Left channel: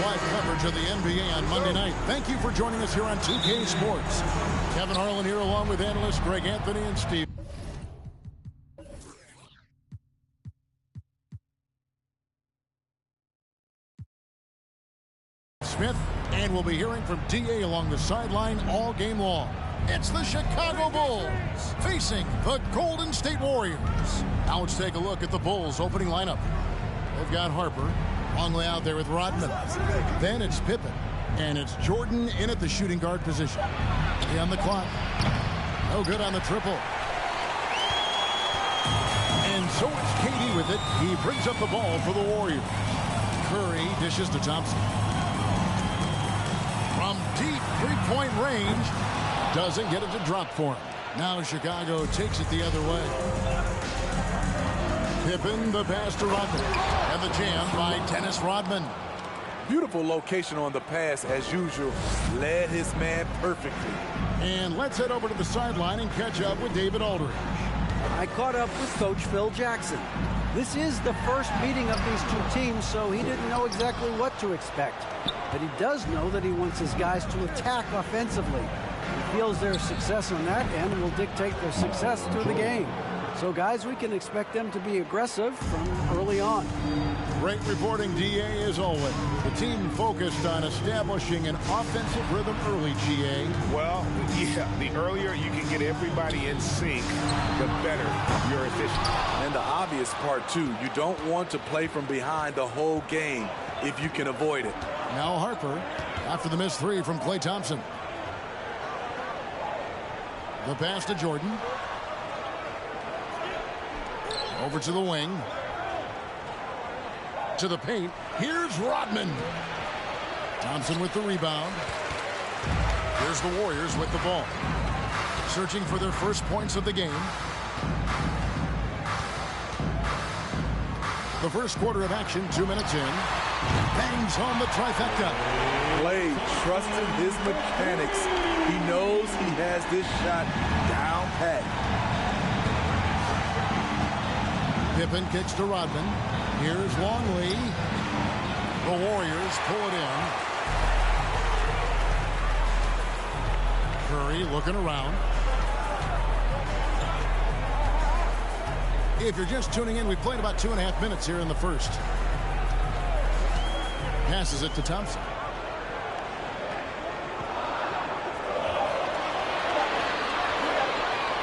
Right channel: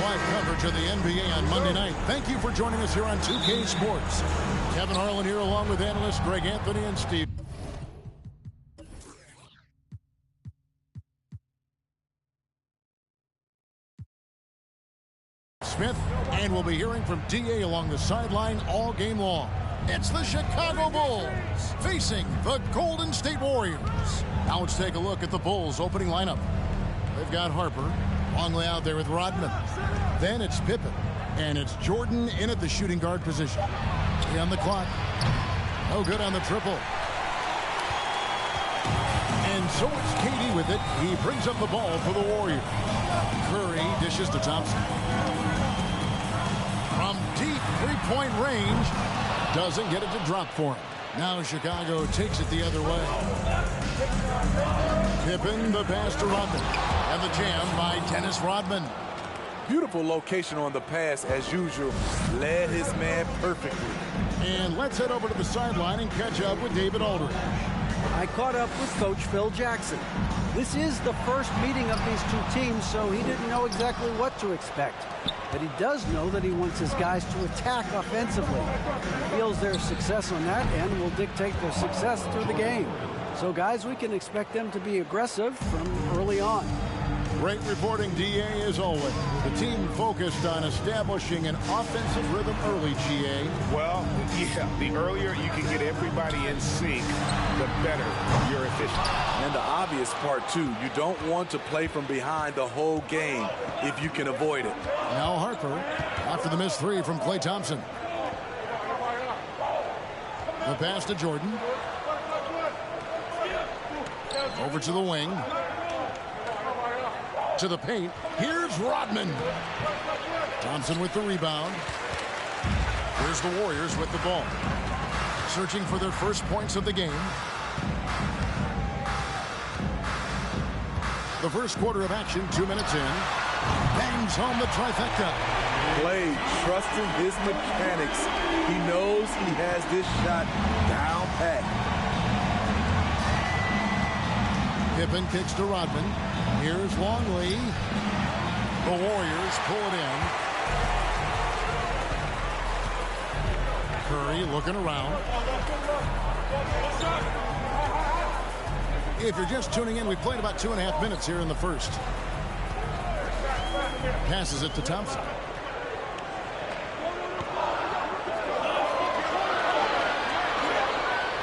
live coverage of the NBA on Monday night. Thank you for joining us here on 2K Sports. Kevin Harlan here along with analysts Greg Anthony and Steve Smith, and we'll be hearing from DA along the sideline all game long. It's the Chicago Bulls facing the Golden State Warriors. Now let's take a look at the Bulls opening lineup. They've got Harper, Longley out there with Rodman. Then it's Pippen, and it's Jordan in at the shooting guard position. 3 on the clock. No good on the triple. And so it's KD with it. He brings up the ball for the Warriors. Curry dishes to Thompson. From deep three-point range, doesn't get it to drop for him. Now Chicago takes it the other way. Pippen, the pass to Rodman. And the jam by Dennis Rodman. Beautiful location on the pass, as usual. Led his man perfectly. And let's head over to the sideline and catch up with David Aldridge. I caught up with Coach Phil Jackson. This is the first meeting of these two teams, so he didn't know exactly what to expect. But he does know that he wants his guys to attack offensively. He feels their success on that end will dictate their success through the game. So, guys, we can expect them to be aggressive from early on. Great reporting, DA, as always. The team focused on establishing an offensive rhythm early, GA. Well, yeah, the earlier you can get everybody in sync, the better your efficiency. And the obvious part, too, you don't want to play from behind the whole game if you can avoid it. Now Harper, after the missed three from Klay Thompson. The pass to Jordan. Over to the wing. To the paint. Here's Rodman. Thompson with the rebound. Here's the Warriors with the ball. Searching for their first points of the game. The first quarter of action, 2 minutes in. Bangs home the trifecta. Klay trusting his mechanics. He knows he has this shot down pat. Pippen kicks to Rodman. Here's Longley. The Warriors pull it in. Curry looking around. If you're just tuning in, we've played about 2.5 minutes here in the first. Passes it to Thompson.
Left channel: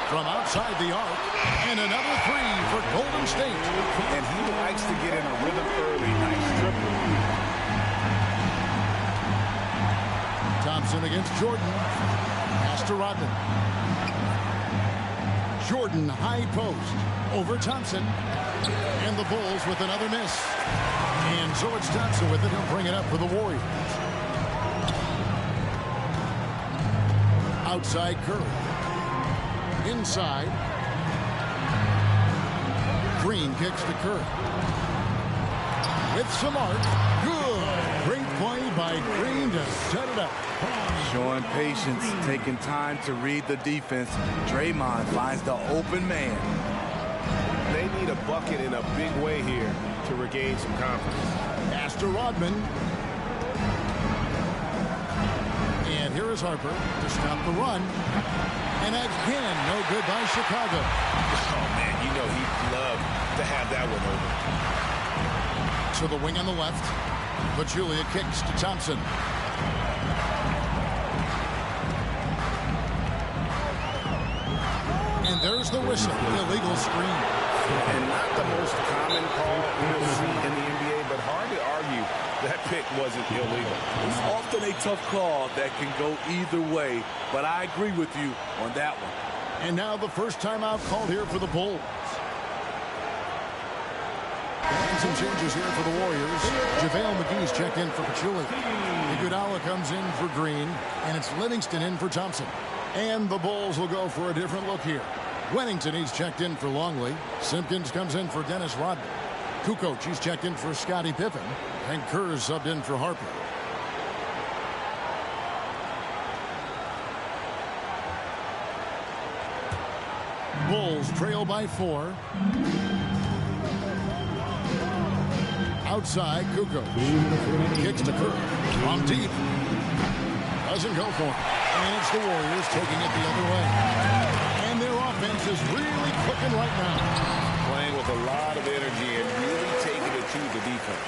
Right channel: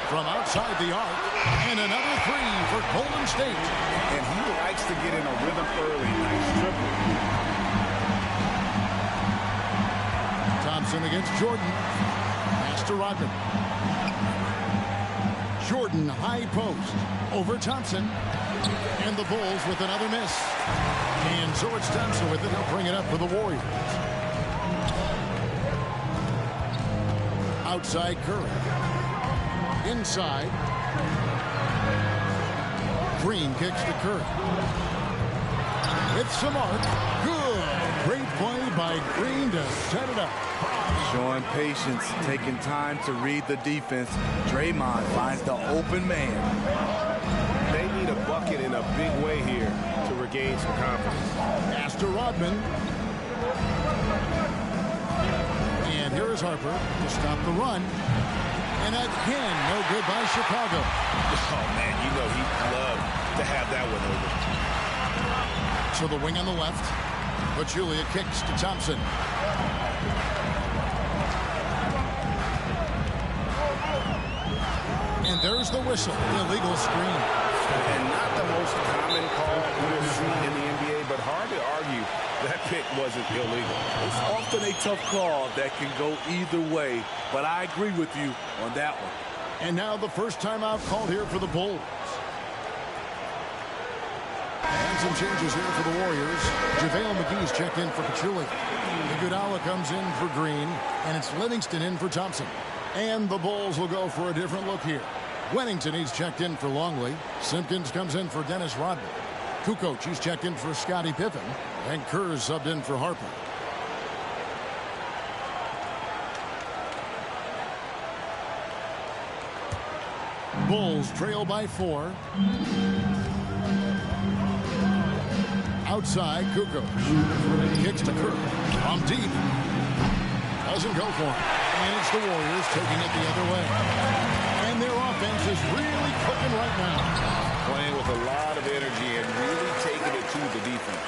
From outside the arc, and another three for Golden State. And he likes to get in a rhythm early. Nice triple. Thompson against Jordan. Pass to Rodman. Jordan high post. Over Thompson. And the Bulls with another miss. And so it's Thompson with it. He'll bring it up for the Warriors. Outside Curry. Inside. Green kicks to Curry. With some arc. Good. Great play by Green to set it up. Showing patience, taking time to read the defense. Draymond finds the open man. They need a bucket in a big way here to regain some confidence. Pass to Rodman. And here is Harper to stop the run. And again, no good by Chicago. Oh, man, you know he'd love to have that one over. So the wing on the left. Pachulia kicks to Thompson. And there's the whistle. Illegal screen. And not the most common call you'll see in the NBA, but hard to argue that pick wasn't illegal. It's often a tough call that can go either way, but I agree with you on that one. And now the first timeout called here for the Bulls. And some changes here for the Warriors. JaVale McGee's checked in for Pachulia. Iguodala comes in for Green, and it's Livingston in for Thompson. And the Bulls will go for a different look here. Wennington, he's checked in for Longley. Simpkins comes in for Dennis Rodman. Kukoc, he's checked in for Scottie Pippen. And Kerr's subbed in for Harper. Bulls trail by 4. Outside, Kukoc. Kicks to Kerr. From deep. Doesn't go for him. And it's the Warriors taking it the other way. And their offense is really clicking right now. Playing with a lot of energy and really taking it to the defense.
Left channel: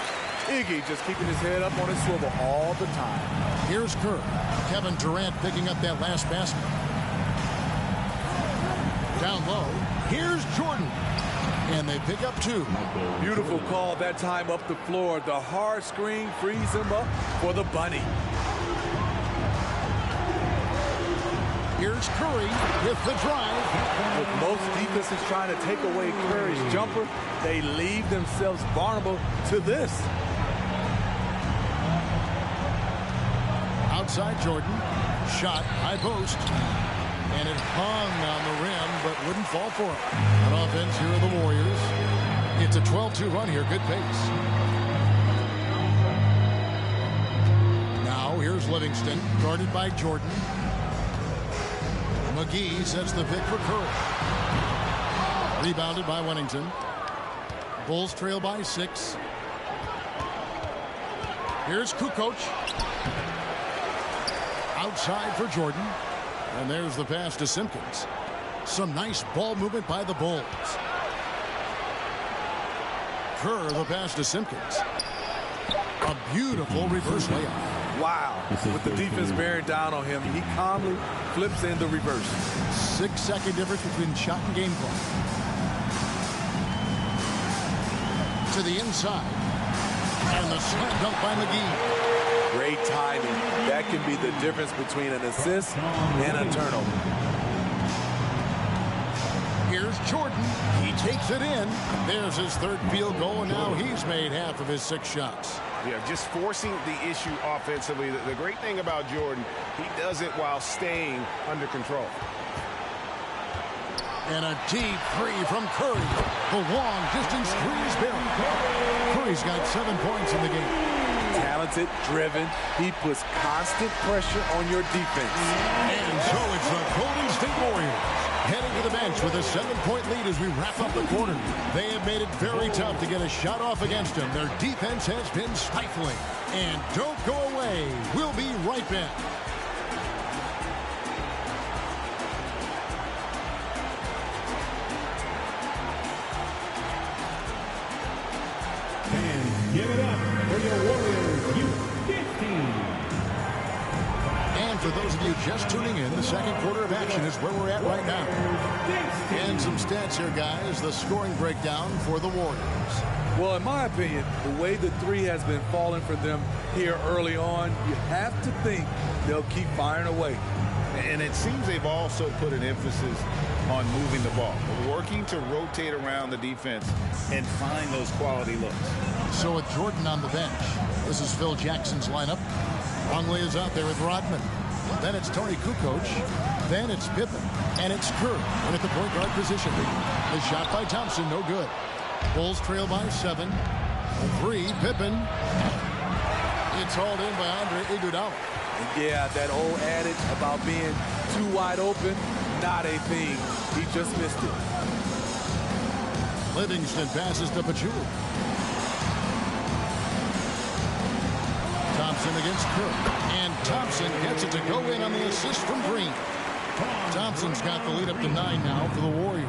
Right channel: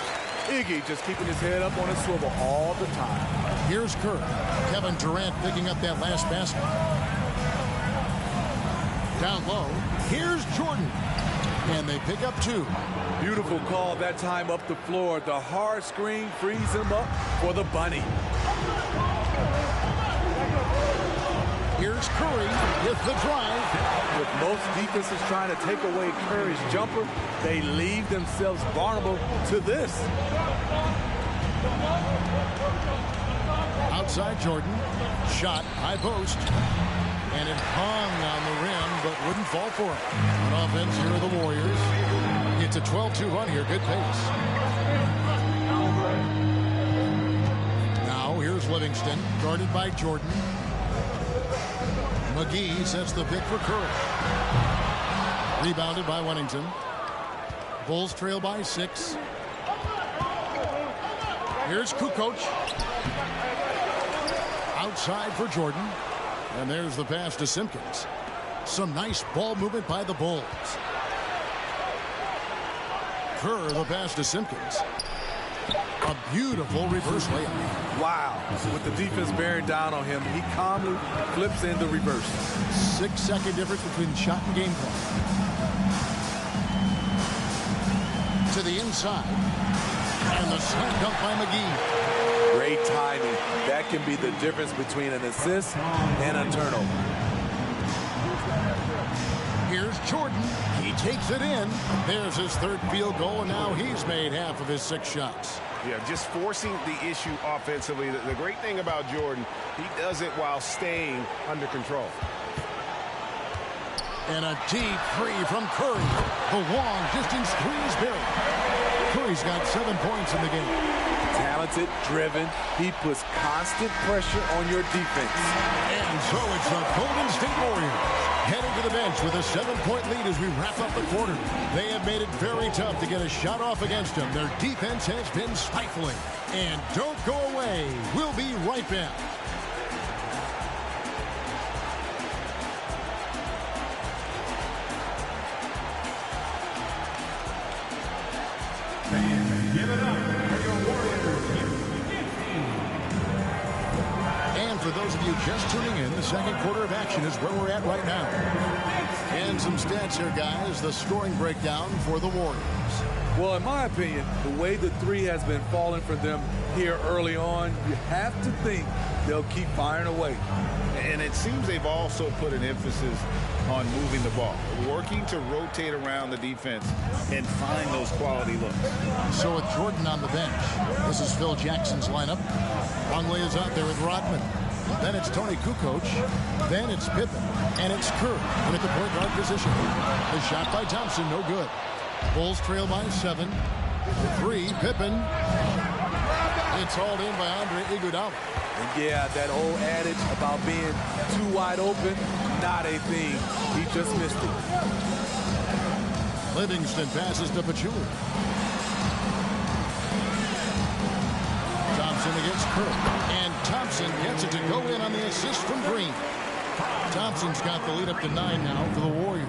Iggy just keeping his head up on his swivel all the time. Here's Kerr. Kevin Durant picking up that last basket. Down low. Here's Jordan. And they pick up 2. Beautiful call that time up the floor. The hard screen frees him up for the bunny. Here's Curry with the drive. With most defenses trying to take away Curry's jumper, they leave themselves vulnerable to this. Outside Jordan. Shot, high post. And it hung on the rim, but wouldn't fall for him. On offense, here are the Warriors. It's a 12-2 run here. Good pace. Now, here's Livingston, guarded by Jordan. McGee sets the pick for Curry. Rebounded by Wennington. Bulls trail by 6. Here's Kukoc. Outside for Jordan. And there's the pass to Simpkins. Some nice ball movement by the Bulls. Kerr, the pass to Simpkins. A beautiful reverse layup. Wow. With the defense bearing down on him, he calmly flips in the reverse. 6-second difference between shot and game clock. To the inside. And the slam dunk by McGee. Great timing. That can be the difference between an assist and a turnover. Here's Jordan. He takes it in. There's his 3rd field goal, and now he's made half of his 6 shots. Yeah, just forcing the issue offensively. The great thing about Jordan, he does it while staying under control. And a deep 3 from Curry. The long distance 3 is buried. Curry's got 7 points in the game. Talented, driven. He puts constant pressure on your defense. And so it's the Golden State Warriors heading to the bench with a 7-point lead as we wrap up the quarter. They have made it very tough to get a shot off against them. Their defense has been stifling. And don't go away. We'll be right back. Give it up for your Warriors U15. And for those of you just tuning in, the second quarter of action is where we're at right now. And some stats here, guys. The scoring breakdown for the Warriors. Well, in my opinion, the way the 3 has been falling for them here early on, you have to think they'll keep firing away. And it seems they've also put an emphasis on moving the ball, working to rotate around the defense and find those quality looks. So with Jordan on the bench, this is Phil Jackson's lineup. Longley is out there with Rodman. Then it's Tony Kukoc. Then it's Pippen. And it's Kerr in at the point guard position. The shot by Thompson, no good. Bulls trail by 7. The 3, Pippen. It's hauled in by Andre Iguodala. And yeah, that old adage about being too wide open, not a thing. He just missed it. Livingston passes to Pachulia. Thompson against Kerr. And Thompson gets it to go in on the assist from Green. Thompson's got the lead up to 9 now for the Warriors.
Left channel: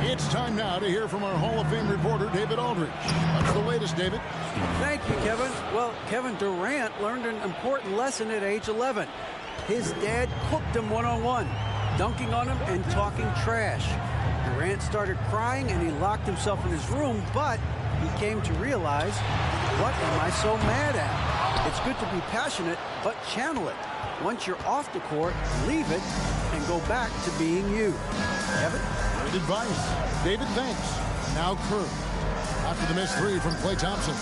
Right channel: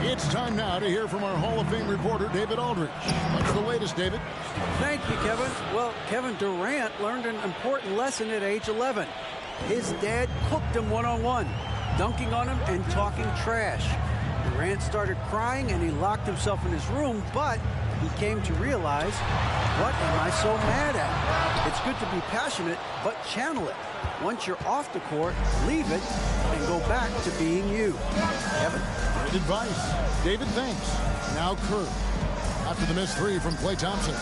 It's time now to hear from our Hall of Fame reporter, David Aldridge. What's the latest, David? Thank you, Kevin. Well, Kevin Durant learned an important lesson at age 11. His dad cooked him one-on-one, dunking on him and talking trash. Durant started crying and he locked himself in his room, but he came to realize, what am I so mad at? It's good to be passionate, but channel it. Once you're off the court, leave it and go back to being you. Kevin? Great advice. David, thanks. Now Kerr. After the missed 3 from Klay Thompson.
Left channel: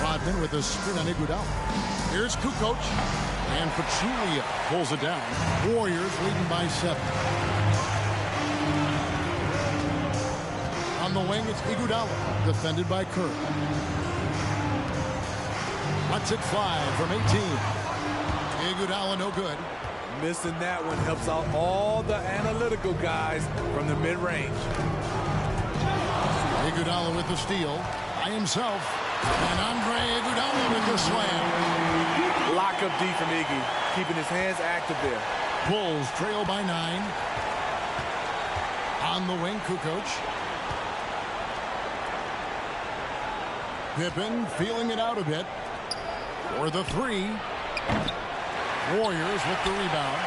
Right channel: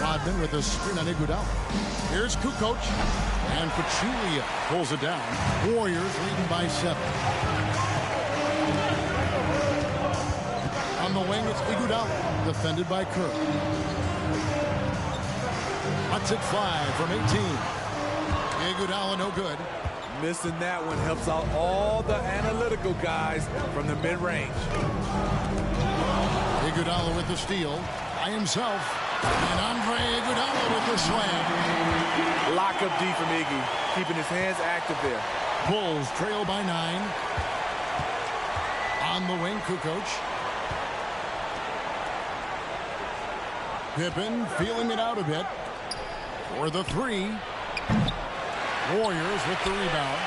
Rodman with a screen on Iguodala. Here's Kukoc. And Pachulia pulls it down. Warriors leading by 7. On the wing, it's Iguodala, defended by Kerr. Lets it fly from 18. Iguodala no good. Missing that one helps out all the analytical guys from the mid-range. Iguodala with the steal by himself. And Andre Iguodala with the slam. Lock up D from Iggy, keeping his hands active there. Bulls trail by 9. On the wing, Kukoc. Pippen feeling it out a bit. For the 3. Warriors with the rebound.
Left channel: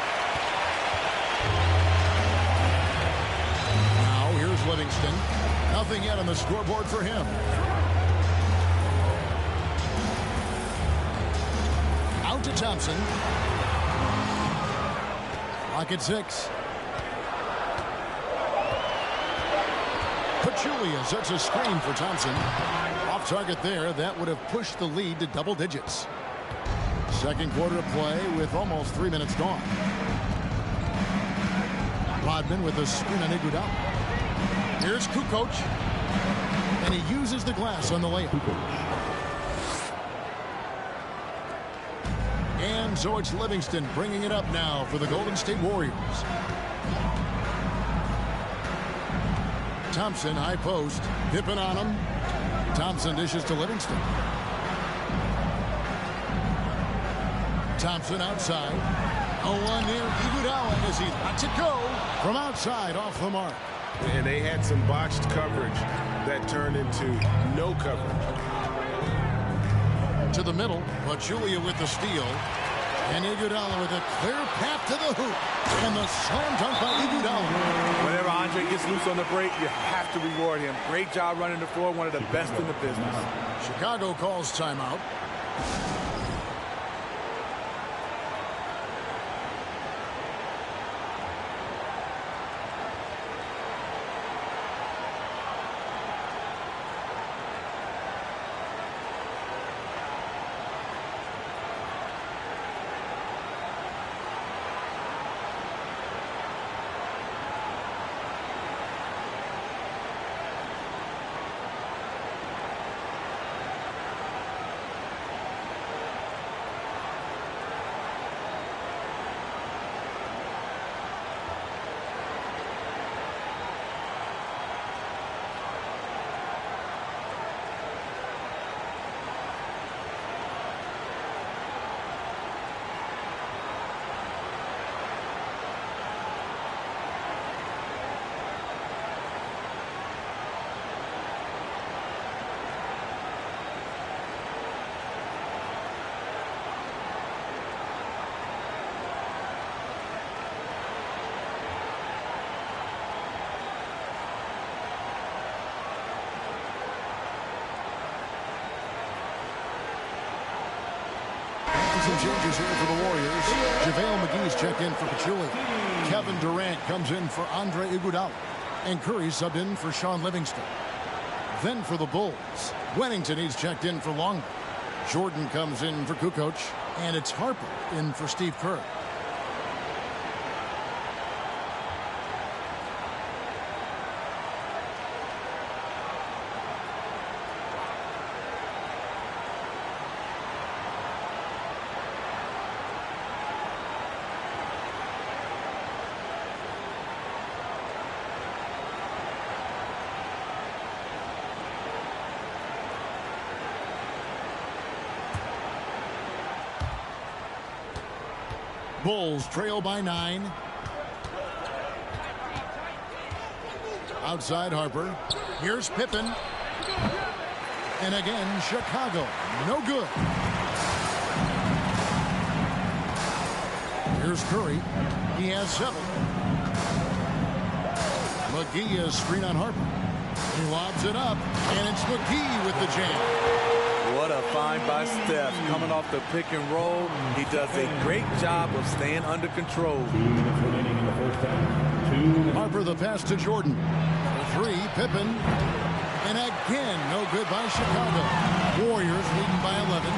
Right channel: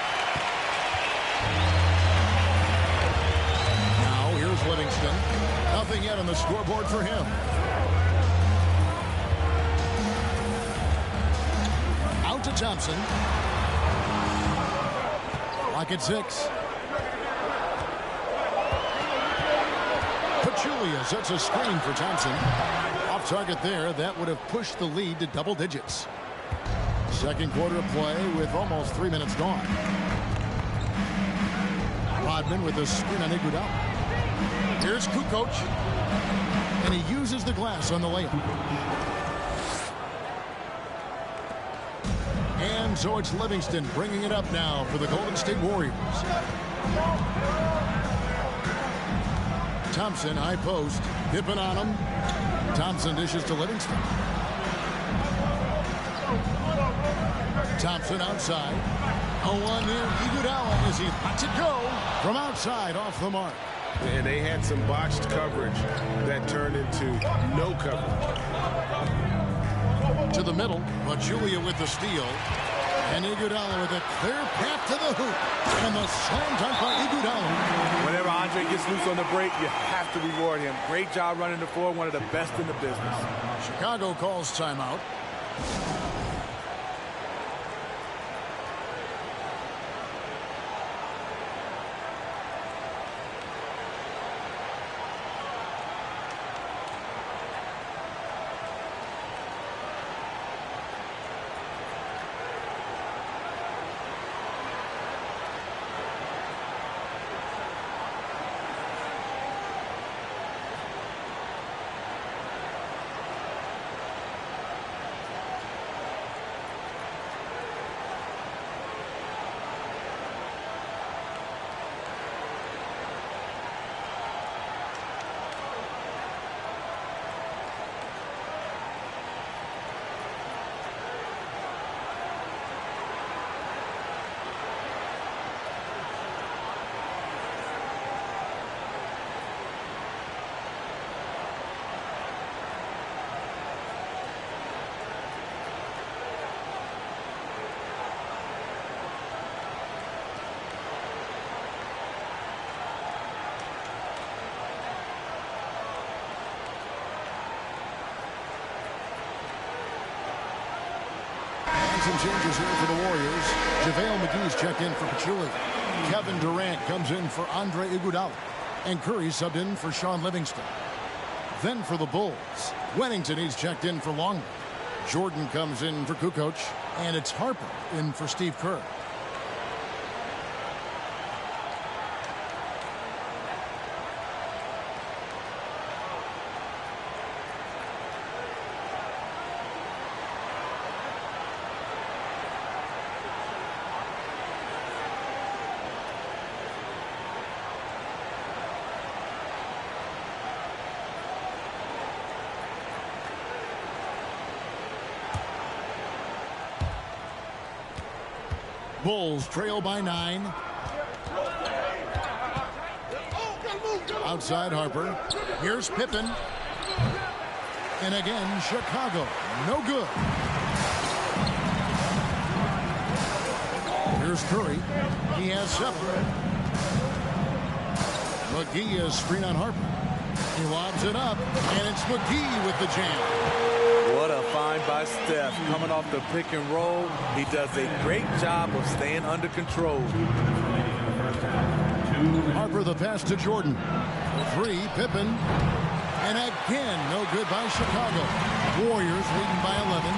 Now here's Livingston. Nothing yet on the scoreboard for him. Out to Thompson. Clock at 6. Pachulia sets a screen for Thompson. Off target there. That would have pushed the lead to double digits. Second quarter of play with almost 3 minutes gone. Rodman with a screen on Iguodala. Here's Kukoc. And he uses the glass on the layup. And so it's Livingston bringing it up now for the Golden State Warriors. Thompson, high post. Pippen on him. Thompson dishes to Livingston. Thompson outside. 0-1 near Iguodala as he lets it go from outside off the mark. And they had some botched coverage that turned into no coverage. To the middle, Pachulia with the steal. And Iguodala with a clear path to the hoop. And the slam dunk by Iguodala. Whenever Andre gets loose on the break, you have to reward him. Great job running the floor, one of the best in the business. Chicago calls timeout. Some changes here for the Warriors. JaVale McGee's checked in for Pachulia. Kevin Durant comes in for Andre Iguodala. And Curry subbed in for Sean Livingston. Then for the Bulls, Wennington he's checked in for Longley. Jordan comes in for Kukoc. And it's Harper in for Steve Kerr. Bulls trail by 9. Outside Harper. Here's Pippen. And again, Chicago. No good. Here's Curry. He has 7. McGee is screen on Harper. He lobs it up, and it's McGee with the jam. What a find by Steph. Coming off the pick and roll, he does a great job of staying under control. 2 minutes remaining in the first half. Harper the pass to Jordan. For 3, Pippen. And again, no good by Chicago. Warriors leading by 11.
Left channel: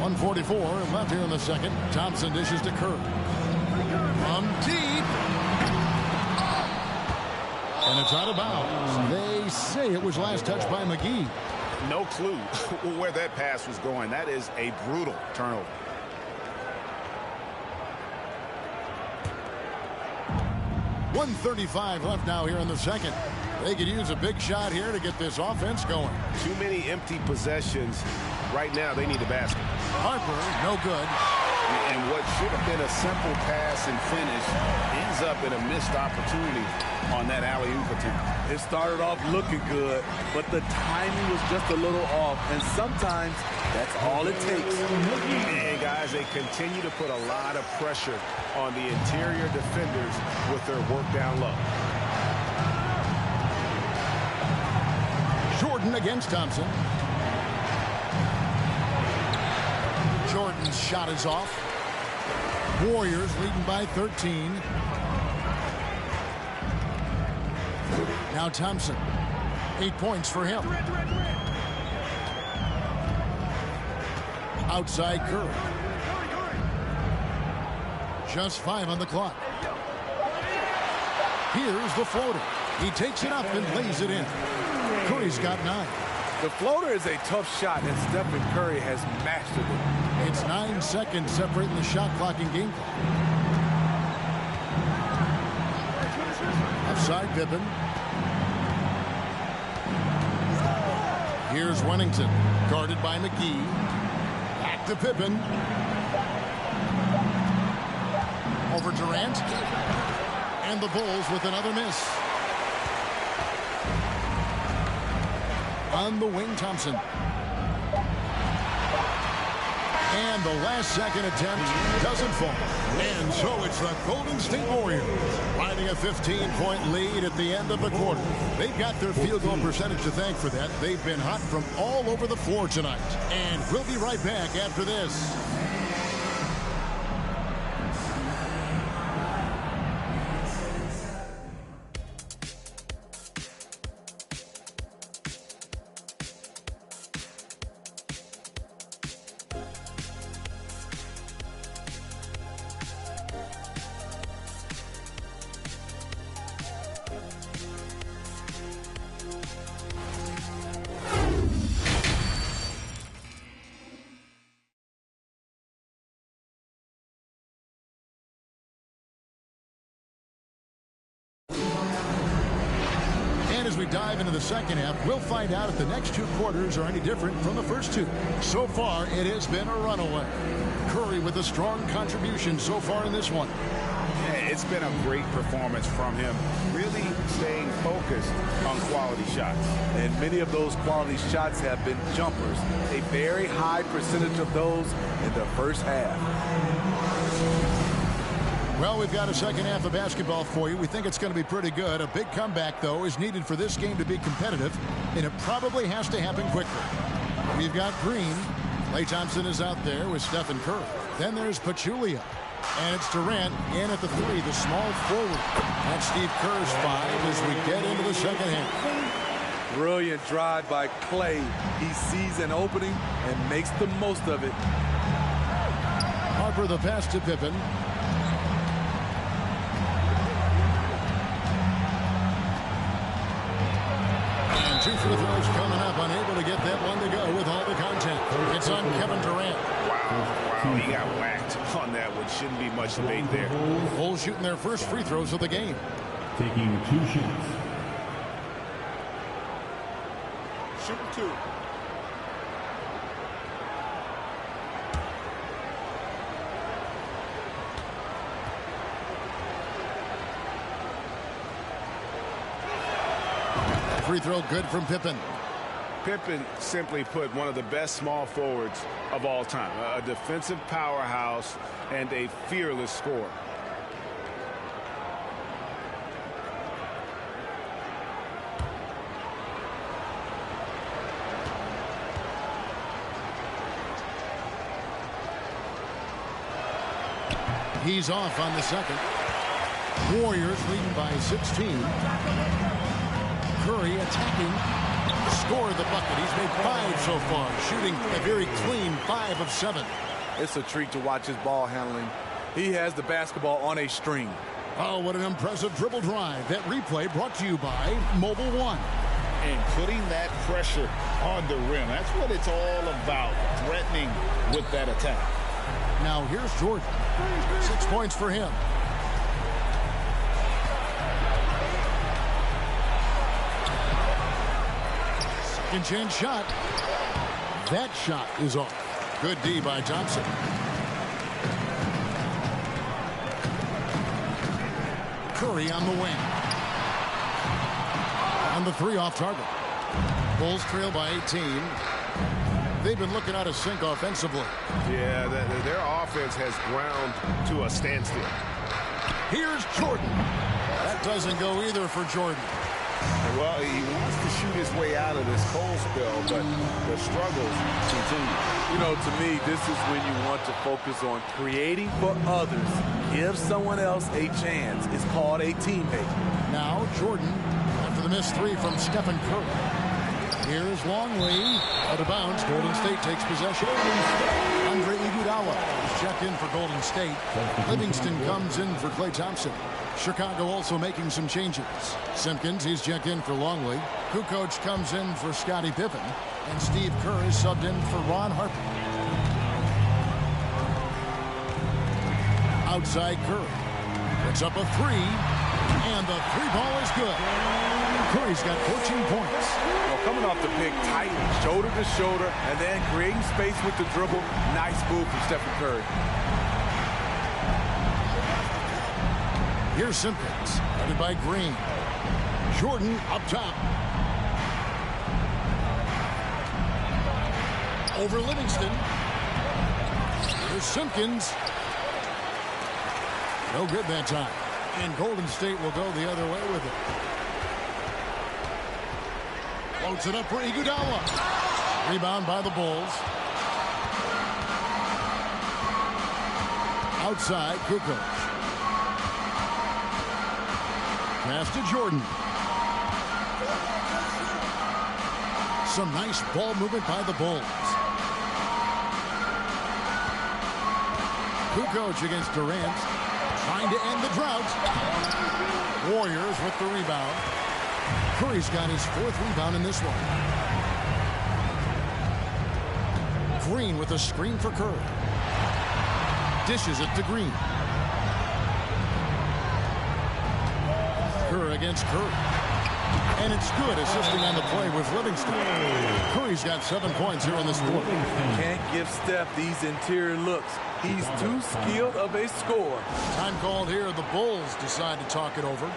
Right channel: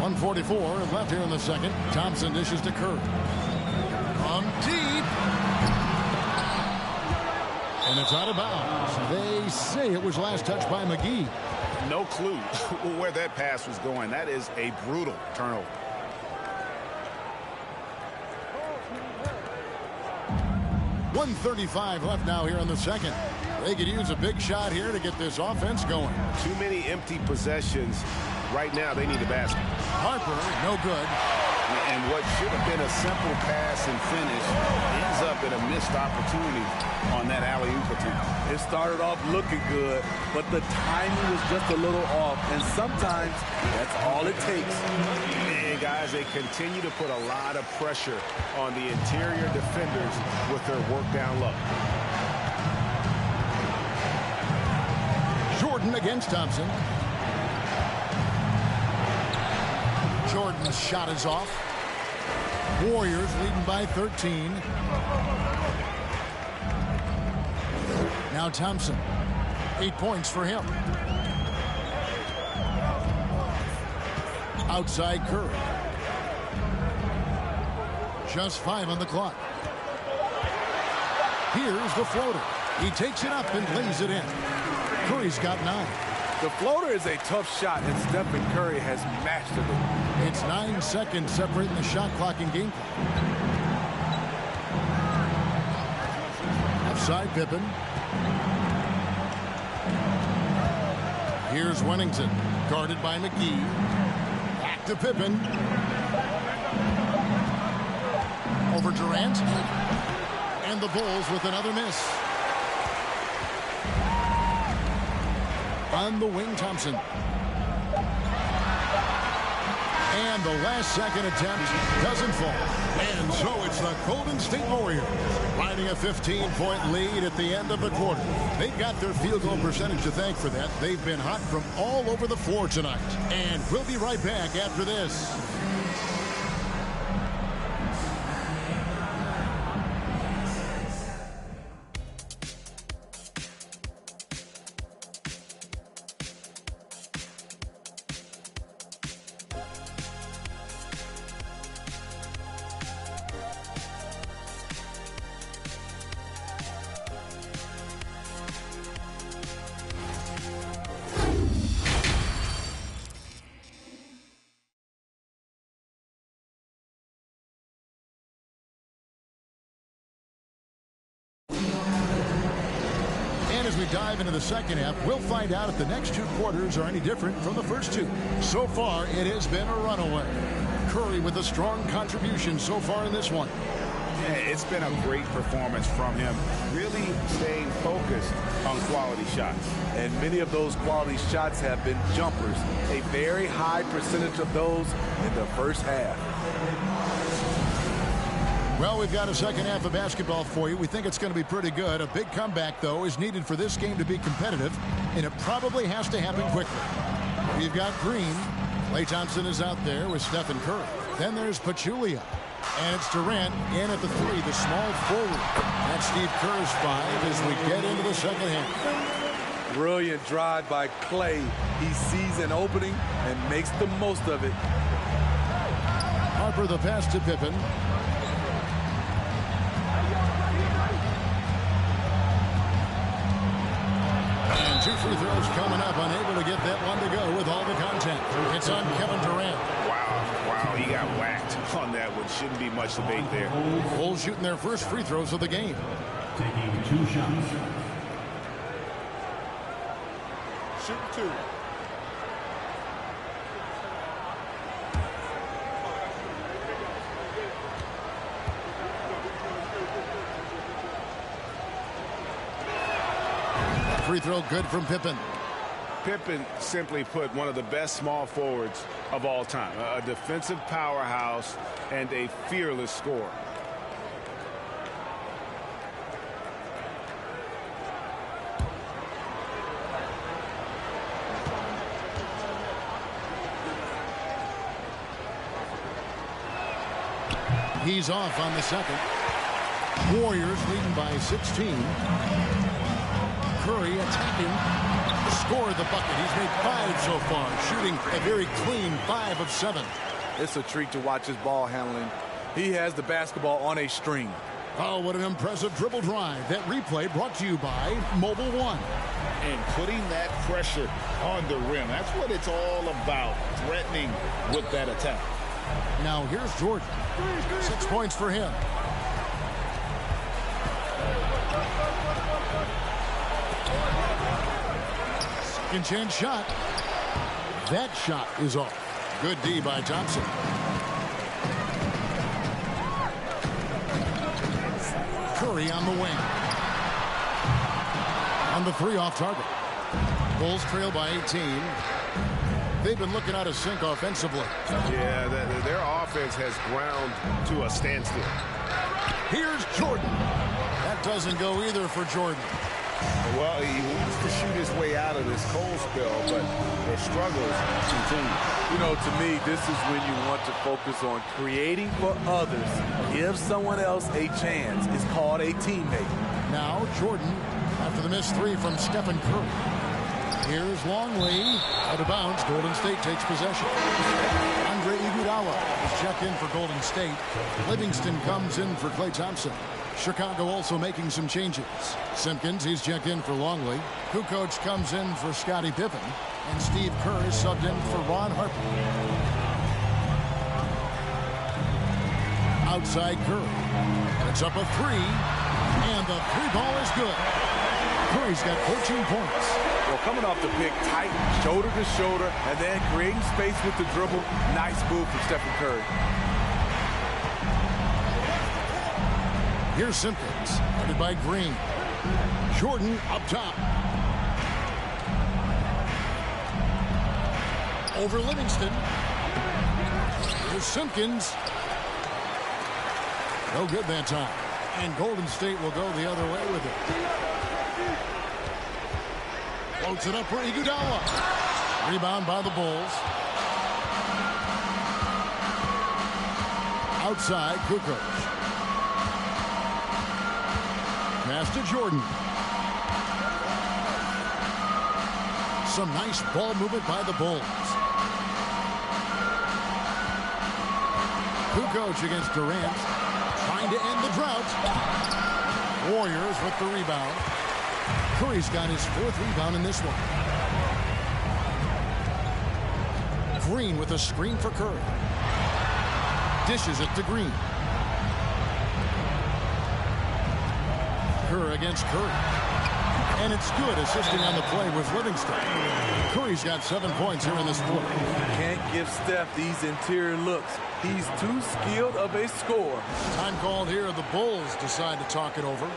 1:44 left here in the second. Thompson dishes to Kerr. From deep. And it's out of bounds. They say it was last touched by McGee. No clue where that pass was going. That is a brutal turnover. 1:35 left now here in the second. They could use a big shot here to get this offense going. Too many empty possessions. Right now, they need a basket. Harper, no good. And what should have been a simple pass and finish ends up in a missed opportunity on that alley-oop attempt. It started off looking good, but the timing was just a little off, and sometimes that's all it takes. And guys, they continue to put a lot of pressure on the interior defenders with their work down low. Jordan against Thompson. Jordan's shot is off. Warriors leading by 13. Now Thompson. 8 points for him. Outside Curry. Just 5 on the clock. Here's the floater. He takes it up and lays it in. Curry's got 9. The floater is a tough shot, and Stephen Curry has mastered it. It's 9 seconds separating the shot clock and game clock. Offside Pippen. Here's Wennington, guarded by McGee. Back to Pippen. Over Durant. And the Bulls with another miss. On the wing, Thompson. And the last second attempt doesn't fall. And so it's the Golden State Warriors riding a 15-point lead at the end of the quarter. They've got their field goal percentage to thank for that. They've been hot from all over the floor tonight. And we'll be right back after this. And as we dive into the second half, we'll find out if the next 2 quarters are any different from the first 2. So far, it has been a runaway. Curry with a strong contribution so far in this one. Yeah, it's been a great performance from him, really staying focused on quality shots. And many of those quality shots have been jumpers. A very high percentage of those in the first half. Well, we've got a second half of basketball for you. We think it's going to be pretty good. A big comeback, though, is needed for this game to be competitive, and it probably has to happen quickly. We've got Green. Klay Thompson is out there with Stephen Curry. Then there's Pachulia. And it's Durant in at the 3, the small forward. That's Steve Kerr's 5 as we get into the second half. Brilliant drive by Klay. He sees an opening and makes the most of it. Harper the pass to Pippen. And 2 free throws coming up, unable to get that one to go with all the contact. It's on Kevin Durant. Wow, he got whacked on that one. Shouldn't be much debate there. Bulls shooting their first free throws of the game. Taking 2 shots. Shooting 2. Free throw good from Pippen. Pippen, simply put, one of the best small forwards of all time. A defensive powerhouse and a fearless scorer. He's off on the second. Warriors leading by 16. Curry attacking. Scored the bucket. He's made 5 so far, shooting a very clean 5 of 7. It's a treat to watch his ball handling. He has the basketball on a string. Oh, what an impressive dribble drive. That replay brought to you by Mobile One. And putting that pressure on the rim. That's what it's all about, threatening with that attack. Now here's Jordan. 6 points for him. Second chance shot. That shot is off. Good D by Thompson. Curry on the wing. And the three off target. Bulls trail by 18. They've been looking out of sync offensively. Yeah, their offense has ground to a standstill. Here's Jordan. That doesn't go either for Jordan. Well, he wants to shoot his way out of this cold spell, but the struggles continue. You know, to me, this is when you want to focus on creating for others. Give someone else a chance. It's called a teammate. Now Jordan after the missed three from Stephen Curry. Here's Longley. Out of bounds. Golden State takes possession. Andre Iguodala is checked in for Golden State. Livingston comes in for Klay Thompson. Chicago also making some changes. Simpkins, he's checked in for Longley. Kukoc comes in for Scottie Pippen. And Steve Kerr is subbed in for Ron Harper. Outside Curry. Picks up a three. And the three ball is good. Curry's got 14 points. Well, coming off the pick tight, shoulder to shoulder, and then creating space with the dribble. Nice move from Stephen Curry. Here's Simpkins, guarded by Green. Jordan up top. Over Livingston. Here's Simpkins. No good that time. And Golden State will go the other way with it. Floats it up for Iguodala. Rebound by the Bulls. Outside, Kukoc. Pass to Jordan. Some nice ball movement by the Bulls. Kukoc against Durant. Trying to end the drought. Warriors with the rebound. Curry's got his fourth rebound in this one. Green with a screen for Curry. Dishes it to Green. Kerr against Curry. And it's good, assisting on the play with Livingston. Curry's got 7 points here in this quarter. Can't give Steph these interior looks. He's too skilled of a scorer. Time called here. The Bulls decide to talk it over.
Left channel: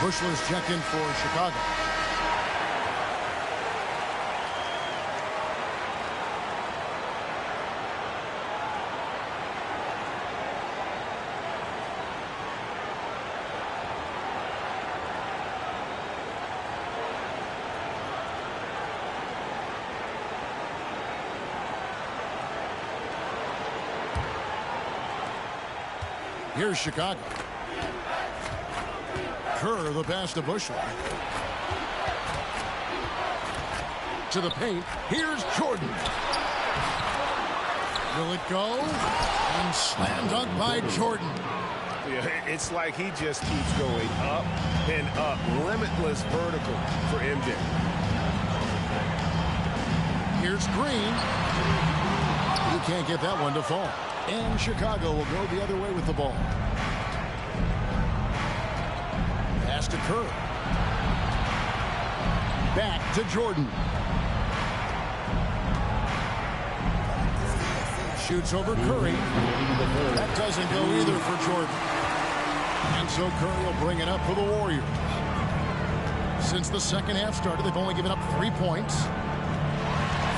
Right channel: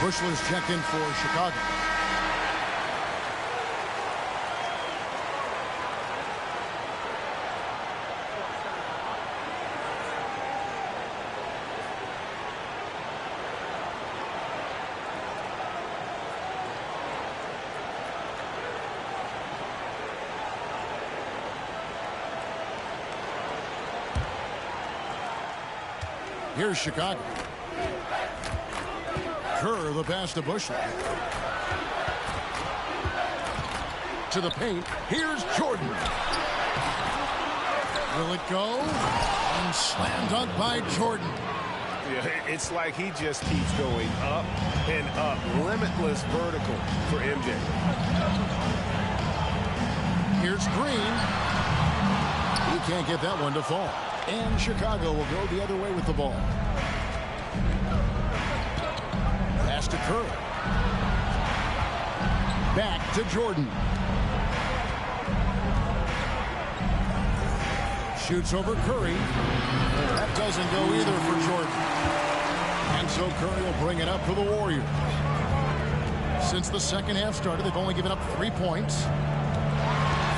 Bushler's checked in for Chicago. Here's Chicago. Kerr, the pass to Bushler. To the paint. Here's Jordan. Will it go? And slam dunk by Jordan. Yeah, it's like he just keeps going up and up. Limitless vertical for MJ. Here's Green. He can't get that one to fall. And Chicago will go the other way with the ball. Pass to Kerr. Back to Jordan. Shoots over Curry. That doesn't go either for Jordan. And so Curry will bring it up for the Warriors. Since the second half started, they've only given up 3 points.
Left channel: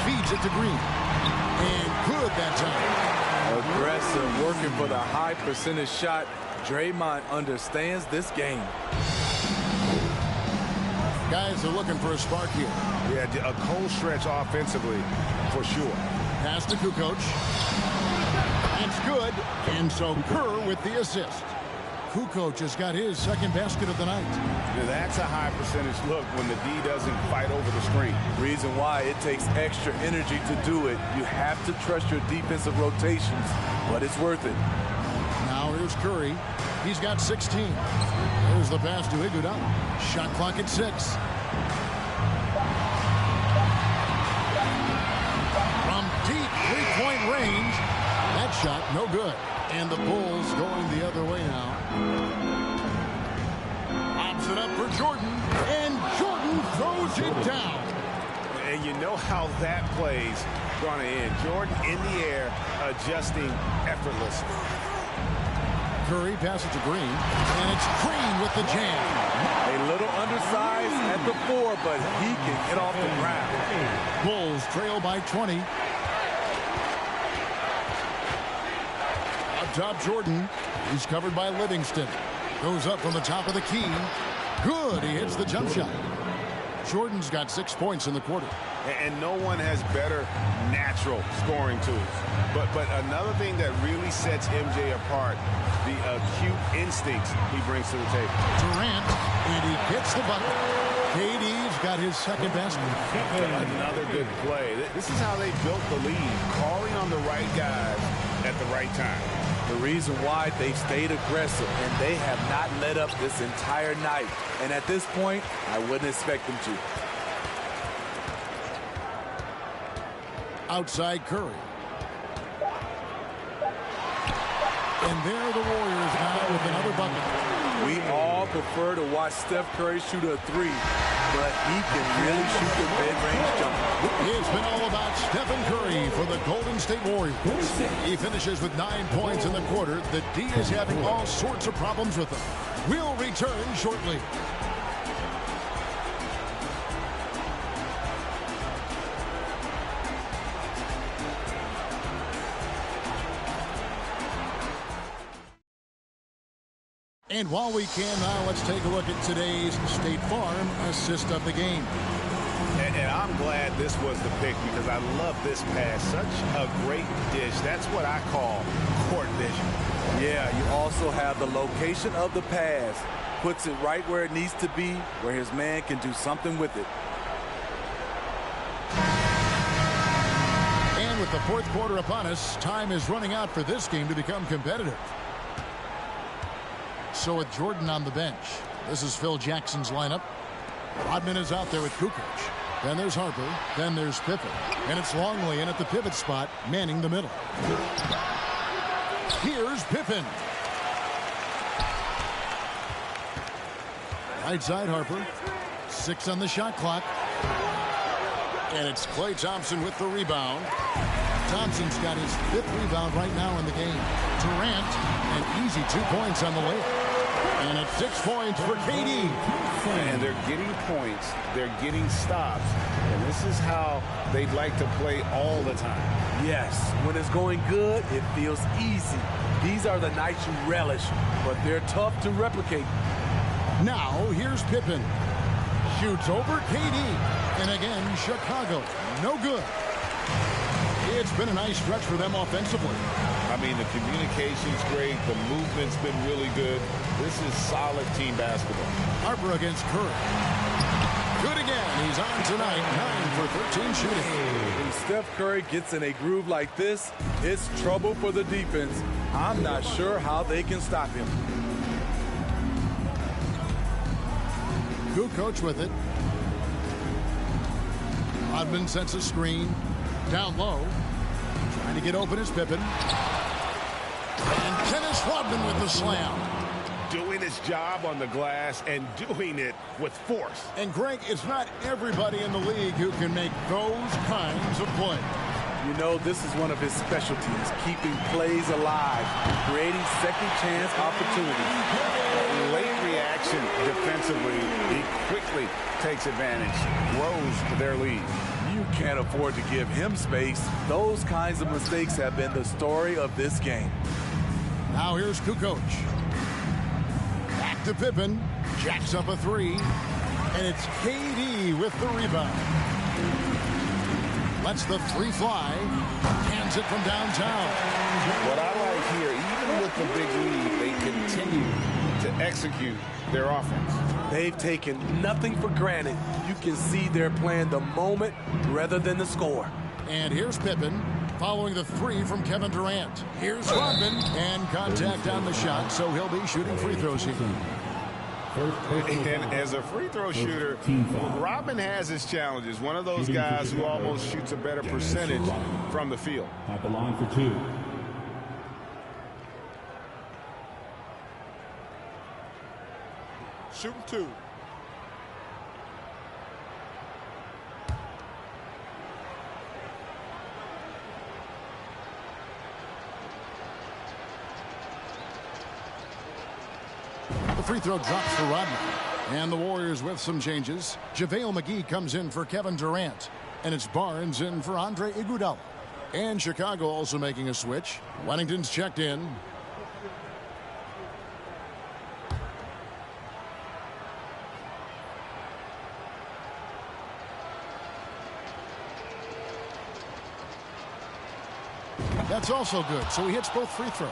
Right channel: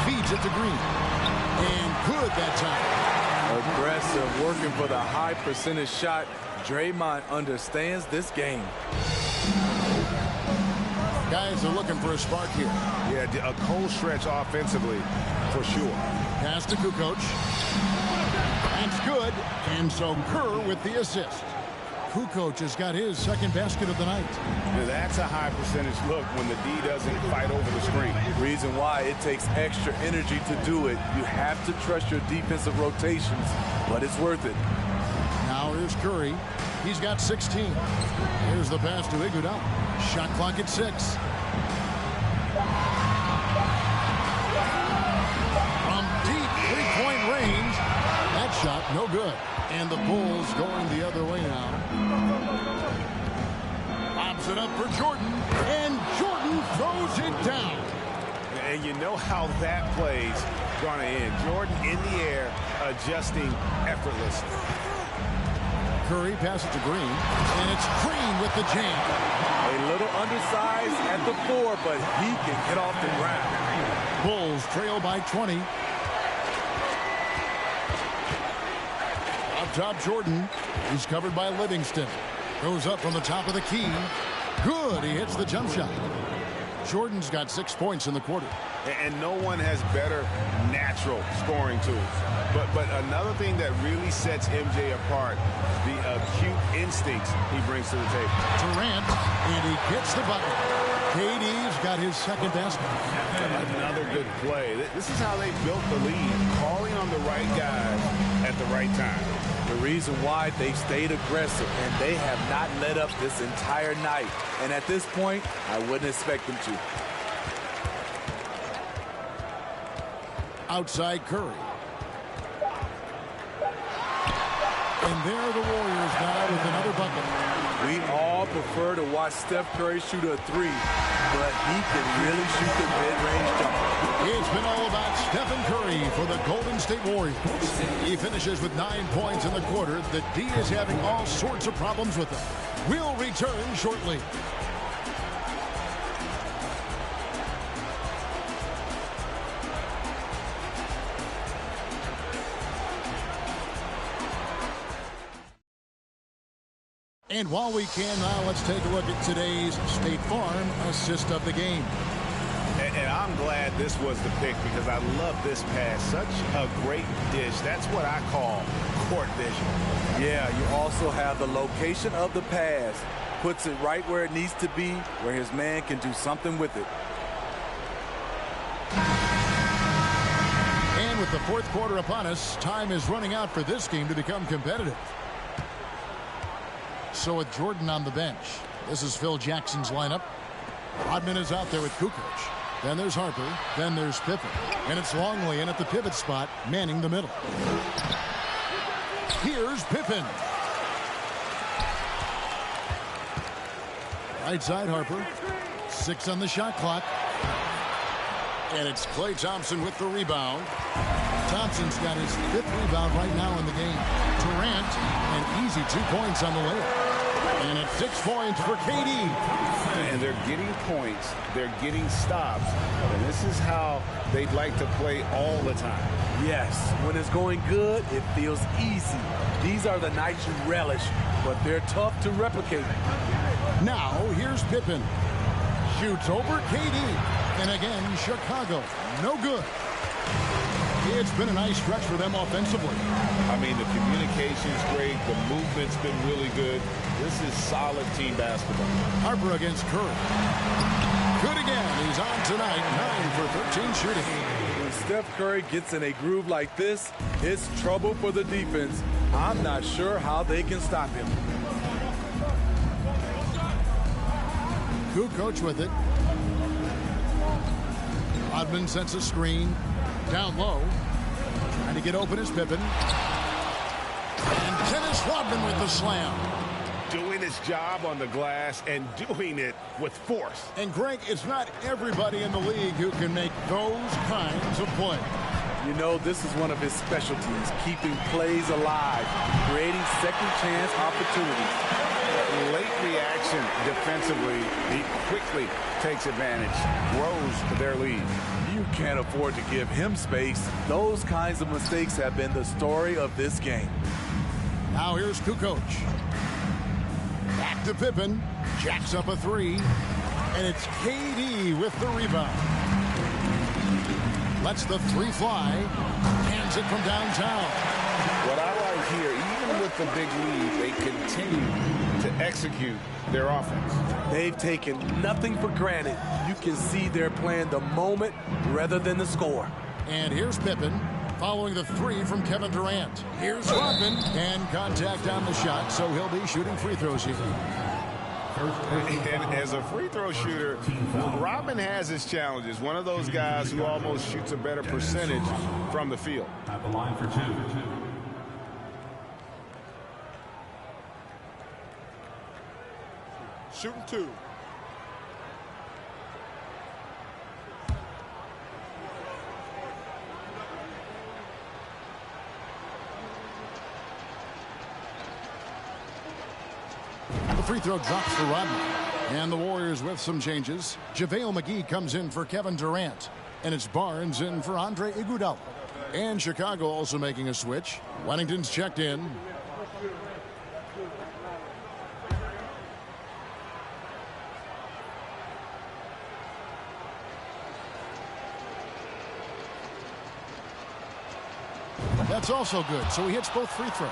Feeds it to Green. And good that time. Aggressive, working for the high percentage shot. Draymond understands this game. Guys are looking for a spark here. Yeah, a cold stretch offensively for sure. Pass to Kukoc. That's good. And so Kerr with the assist. Kukoc has got his second basket of the night. Now that's a high percentage look when the D doesn't fight over the screen. Reason why it takes extra energy to do it. You have to trust your defensive rotations, but it's worth it. Now here's Curry. He's got 16. Here's the pass to Iguodala. Shot clock at 6. From deep three-point range. That shot, no good. And the Bulls going the other way now. Lobs it up for Jordan. And Jordan throws it down. And you know how that play's going to end. Jordan in the air, adjusting effortlessly. Curry passes to Green. And it's Green with the jam. A little undersized at the 4, but he can get off the ground. Bulls trail by 20. Up top, Jordan. He's covered by Livingston. Goes up from the top of the key. Good. He hits the jump shot. Jordan's got 6 points in the quarter. And no one has better natural scoring tools. But another thing that really sets MJ apart, the acute instincts he brings to the table. Durant, and he gets the bucket. KD's got his second basket. Another good play. This is how they built the lead, calling on the right guys at the right time. The reason why they've stayed aggressive, and they have not let up this entire night. And at this point, I wouldn't expect them to. Outside Curry. And there are the Warriors now with another bucket. We all prefer to watch Steph Curry shoot a 3, but he can really shoot the mid-range jumper. It's been all about Stephen Curry for the Golden State Warriors. He finishes with 9 points in the quarter. The D is having all sorts of problems with him. We'll return shortly. And while we can now, let's take a look at today's State Farm assist of the game. And I'm glad this was the pick because I love this pass. Such a great dish. That's what I call court vision. Yeah, you also have the location of the pass. Puts it right where it needs to be, where his man can do something with it. And with the fourth quarter upon us, time is running out for this game to become competitive. So with Jordan on the bench, this is Phil Jackson's lineup. Rodman is out there with Kukoc. Then there's Harper. Then there's Pippen. And it's Longley in at the pivot spot, manning the middle. Here's Pippen. Right side Harper. 6 on the shot clock. And it's Klay Thompson with the rebound. Thompson's got his 5th rebound right now in the game. Durant, an easy 2 points on the layup. And it's 6 points for KD. And they're getting points. They're getting stops. And this is how they'd like to play all the time. Yes, when it's going good, it feels easy. These are the nights you relish, but they're tough to replicate. Now, here's Pippen. Shoots over KD. And again, Chicago. No good. It's been a nice stretch for them offensively. I mean, the communication's great. The movement's been really good. This is solid team basketball. Harper against Curry. Good again. He's on tonight. 9 for 13 shooting. When Steph Curry gets in a groove like this, it's trouble for the defense. I'm not sure how they can stop him. Kukoc with it. Rodman sets a screen. Down low. Trying to get open is Pippen. And Dennis Rodman with the slam. Doing his job on the glass and doing it with force. And Greg, it's not everybody in the league who can make those kinds of plays. You know, this is one of his specialties, keeping plays alive, creating second chance opportunities. Late reaction defensively, he quickly takes advantage, grows their lead. You can't afford to give him space. Those kinds of mistakes have been the story of this game. Now here's Kukoc. Back to Pippen. Jacks up a three. And it's KD with the rebound. Lets the three fly. Cans it from downtown. What I like here, even with the big lead, they continue to execute their offense. They've taken nothing for granted. You can see they're playing the moment rather than the score. And here's Pippen following the three from Kevin Durant. Here's Rodman, and contact on the shot, so he'll be shooting free throws here. And as a free throw shooter, Rodman has his challenges. One of those guys who almost shoots a better percentage from the field. At the line for two. Shooting two. The free throw drops for Rodman. And the Warriors with some changes. JaVale McGee comes in for Kevin Durant. And it's Barnes in for Andre Iguodala. And Chicago also making a switch. Wennington's checked in. That's also good, so he hits both free throws.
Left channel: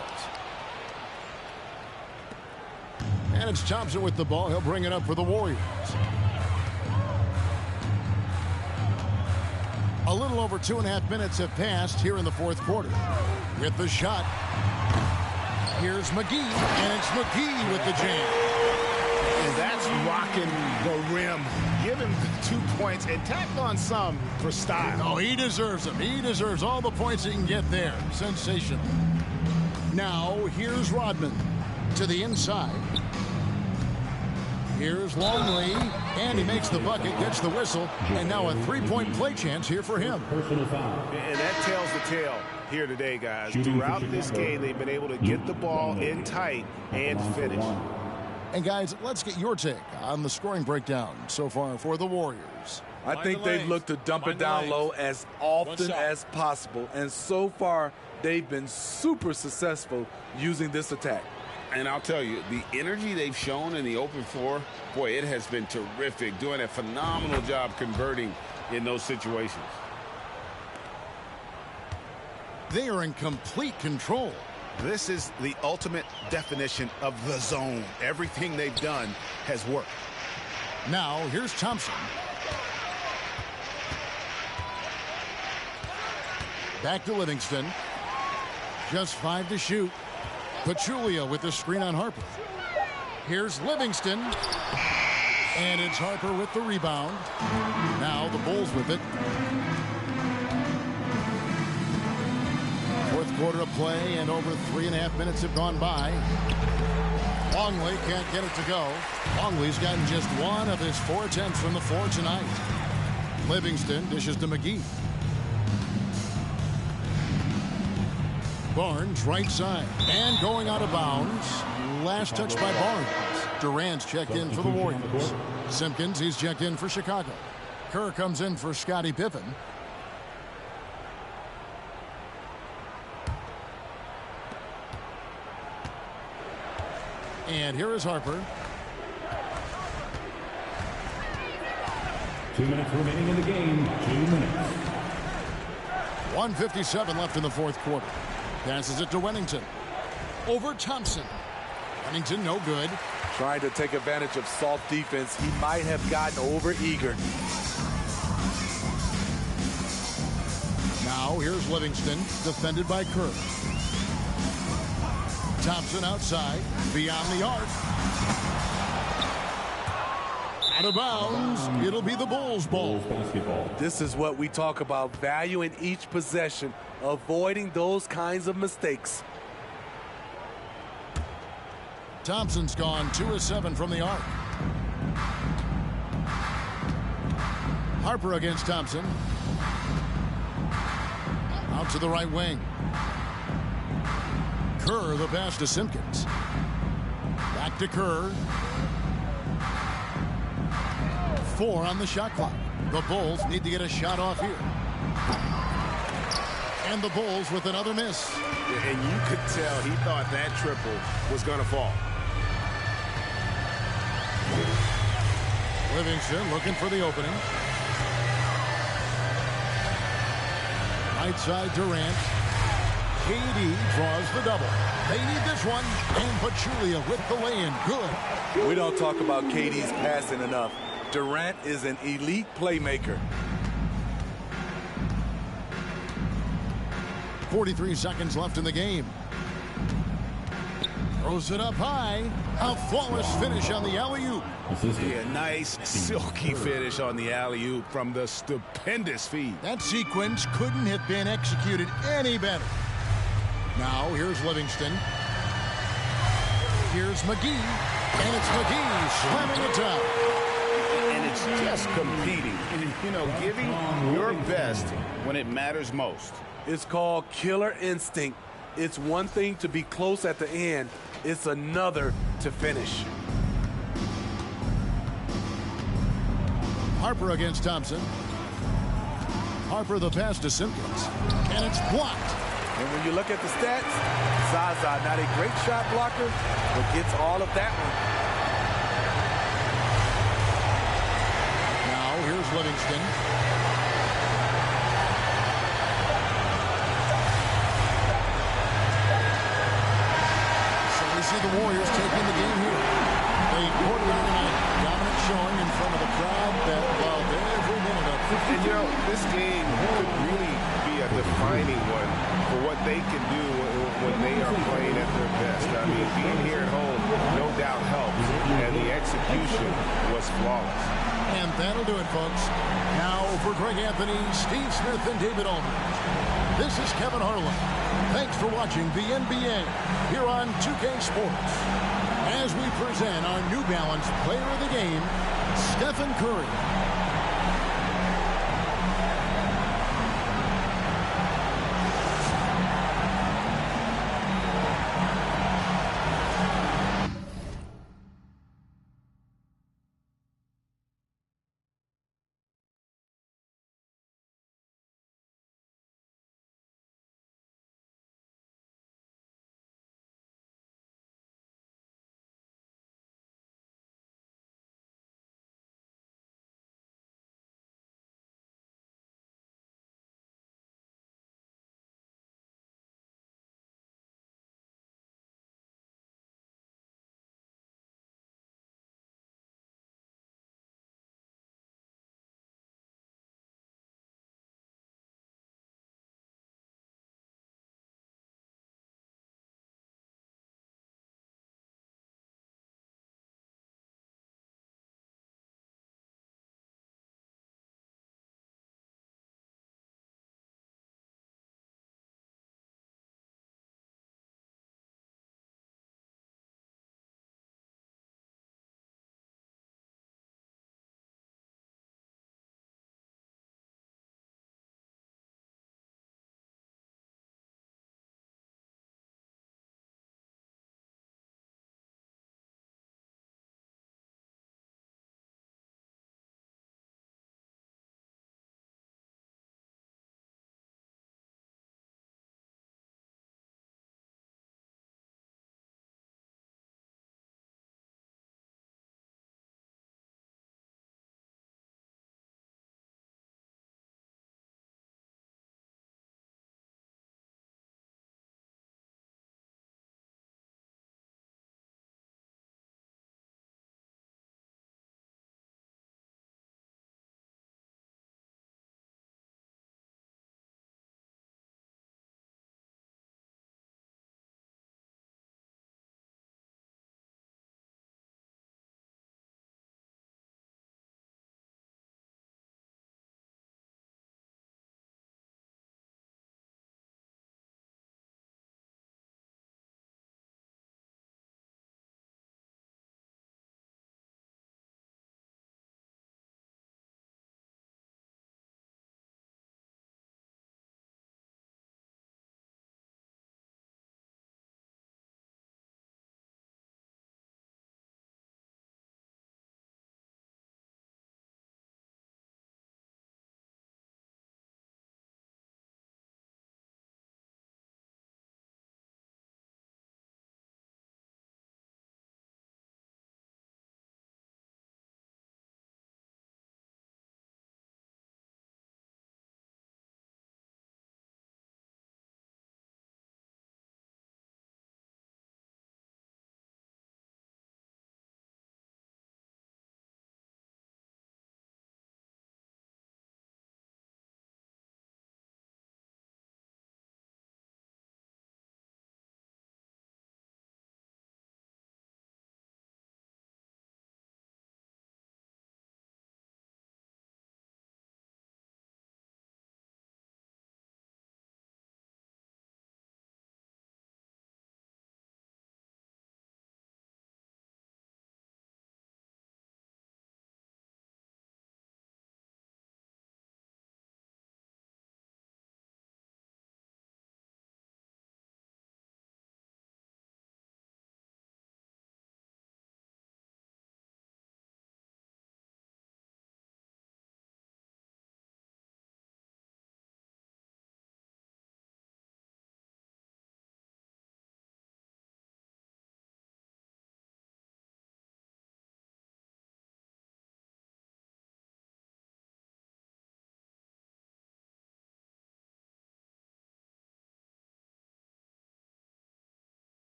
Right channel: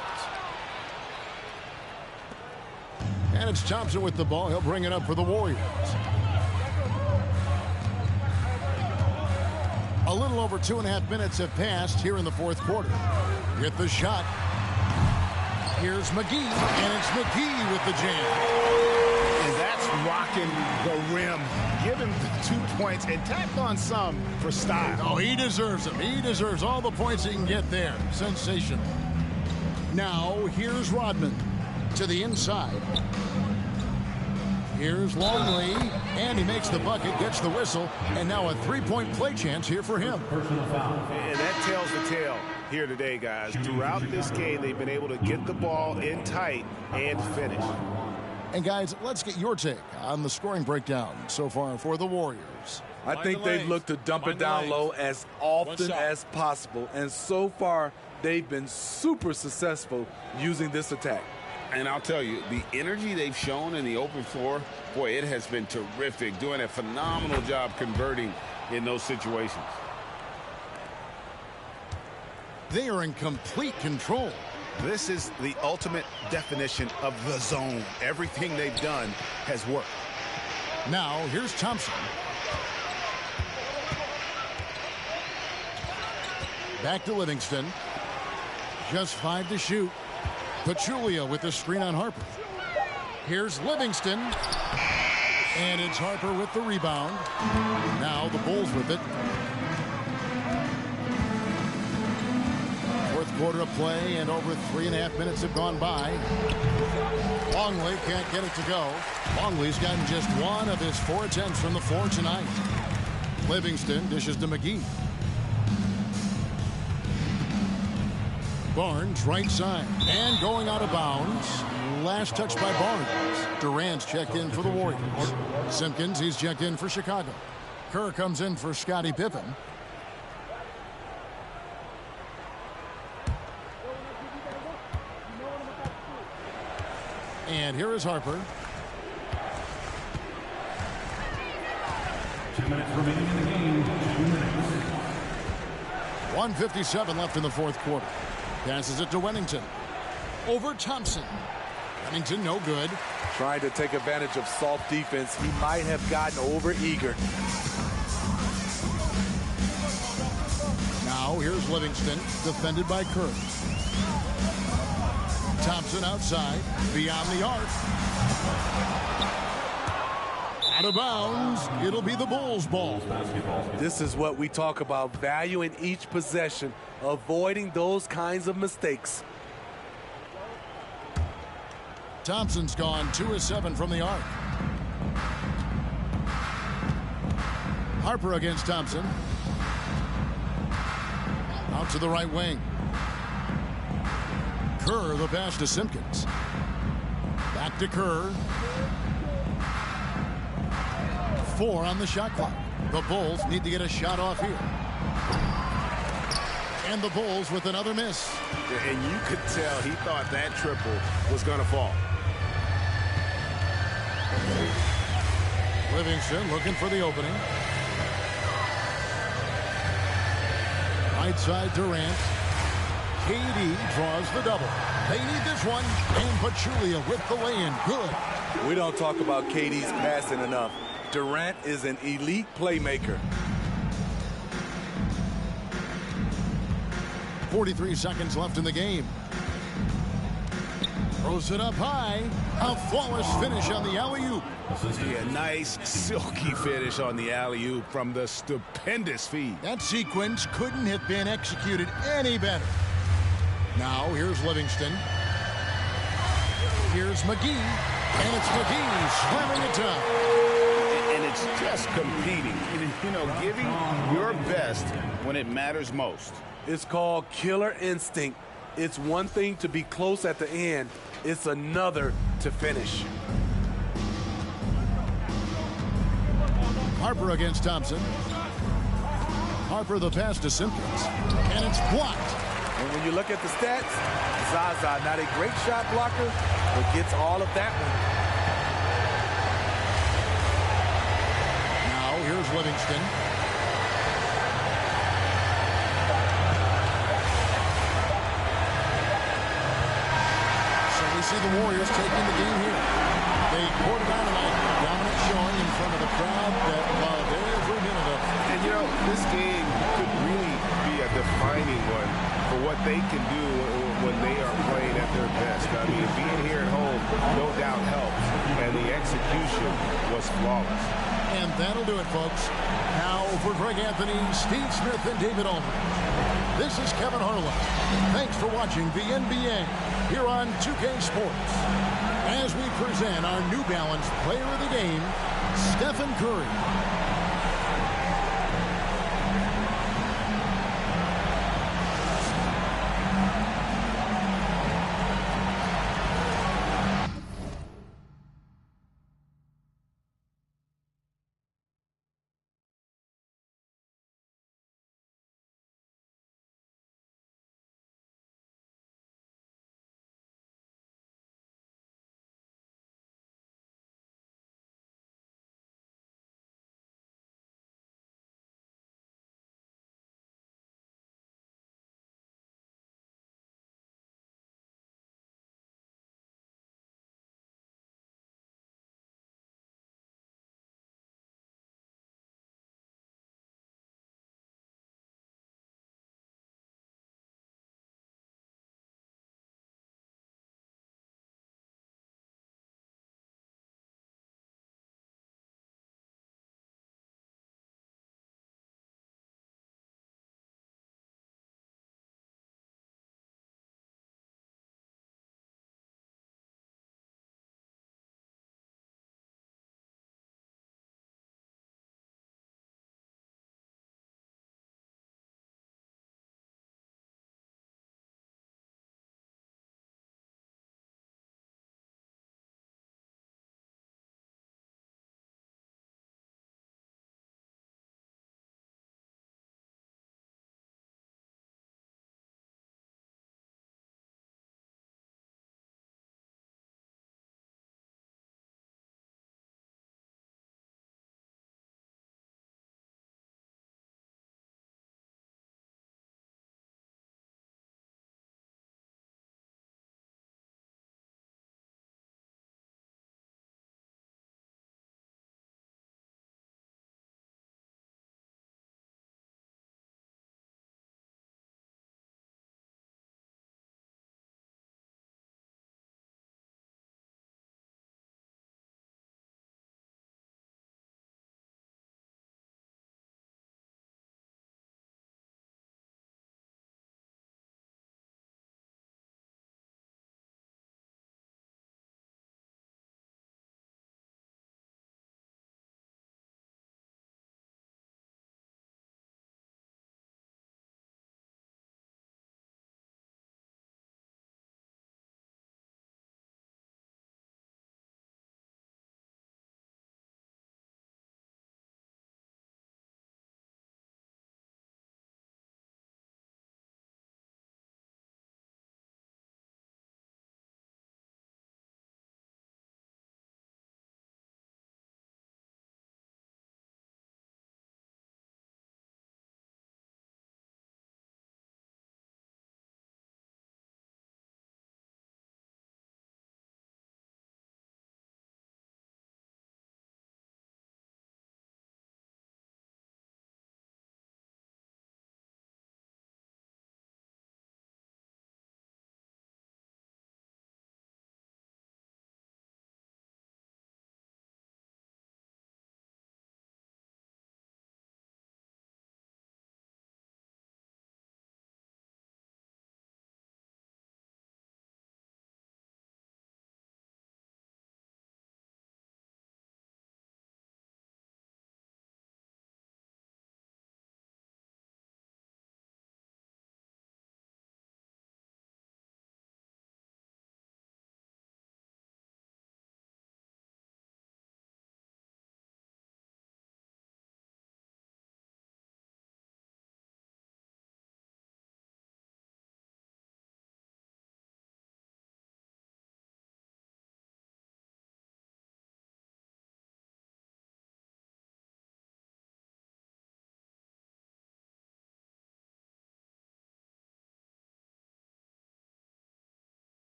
And it's Thompson with the ball. He'll bring it up for the Warriors. A little over 2.5 minutes have passed here in the fourth quarter. With the shot, here's McGee, and it's McGee with the jam. And that's rocking the rim. Give him the 2 points and tapped on some for style. Oh, he deserves them. He deserves all the points he can get there. Sensational. Now, here's Rodman to the inside. Here's Longley, and he makes the bucket, gets the whistle, and now a three-point play chance here for him. Personal foul. And that tells the tale here today, guys. Throughout this game, they've been able to get the ball in tight and finish. And, guys, let's get your take on the scoring breakdown so far for the Warriors. I think they've looked to dump it down low as often as possible. And so far, they've been super successful using this attack. And I'll tell you, the energy they've shown in the open floor, boy, it has been terrific. Doing a phenomenal job converting in those situations. They are in complete control. This is the ultimate definition of the zone. Everything they've done has worked. Now, here's Thompson. Back to Livingston. Just 5 to shoot. Pachulia with the screen on Harper. Here's Livingston. And it's Harper with the rebound. Now the Bulls with it. Fourth quarter of play, and over 3.5 minutes have gone by. Longley can't get it to go. Longley's gotten just 1 of his 4 attempts from the floor tonight. Livingston dishes to McGee. Barnes right side and going out of bounds. Last touch by Barnes. Durant's checked in for the Warriors. Simpkins, he's checked in for Chicago. Kerr comes in for Scottie Pippen. And here is Harper. 2 minutes remaining in the game. 2 minutes. 1:57 left in the fourth quarter. Passes it to Wennington. Over Thompson. Wennington no good. Trying to take advantage of soft defense. He might have gotten over eager. Now here's Livingston, defended by Kerr. Thompson outside, beyond the arc. Out of bounds. It'll be the Bulls' ball. This is what we talk about, value in each possession, avoiding those kinds of mistakes. Thompson's gone 2 of 7 from the arc. Harper against Thompson. Out to the right wing. Kerr, the pass to Simpkins. Back to Kerr. 4 on the shot clock. The Bulls need to get a shot off here. And the Bulls with another miss. And you could tell he thought that triple was going to fall. Livingston looking for the opening. Right side Durant. KD draws the double. They need this one. And Pachulia with the lay-in. Good. We don't talk about KD's passing enough. Durant is an elite playmaker. 43 seconds left in the game. Throws it up high. A flawless finish on the alley-oop. Yeah, nice silky finish on the alley-oop from the stupendous feed. That sequence couldn't have been executed any better. Now here's Livingston. Here's McGee. And it's McGee slamming it down. And it's just competing. You know, giving your best when it matters most. It's called killer instinct. It's one thing to be close at the end. It's another to finish. Harper against Thompson. Harper the pass to Simpkins. And it's blocked. And when you look at the stats, Zaza, not a great shot blocker, but gets all of that one. Now here's Livingston. So we see the Warriors taking the game here. They poured it on tonight. Dominant showing in front of the crowd that loved every minute of it. And, you know, this game could really be a defining one for what they can do when they are playing at their best. I mean, being here at home no doubt helps, and the execution was flawless. And that'll do it, folks. Now for Greg Anthony, Steve Smith, and David Aldridge. This is Kevin Harlan. Thanks for watching the NBA here on 2K Sports. As we present our New Balance Player of the Game, Stephen Curry.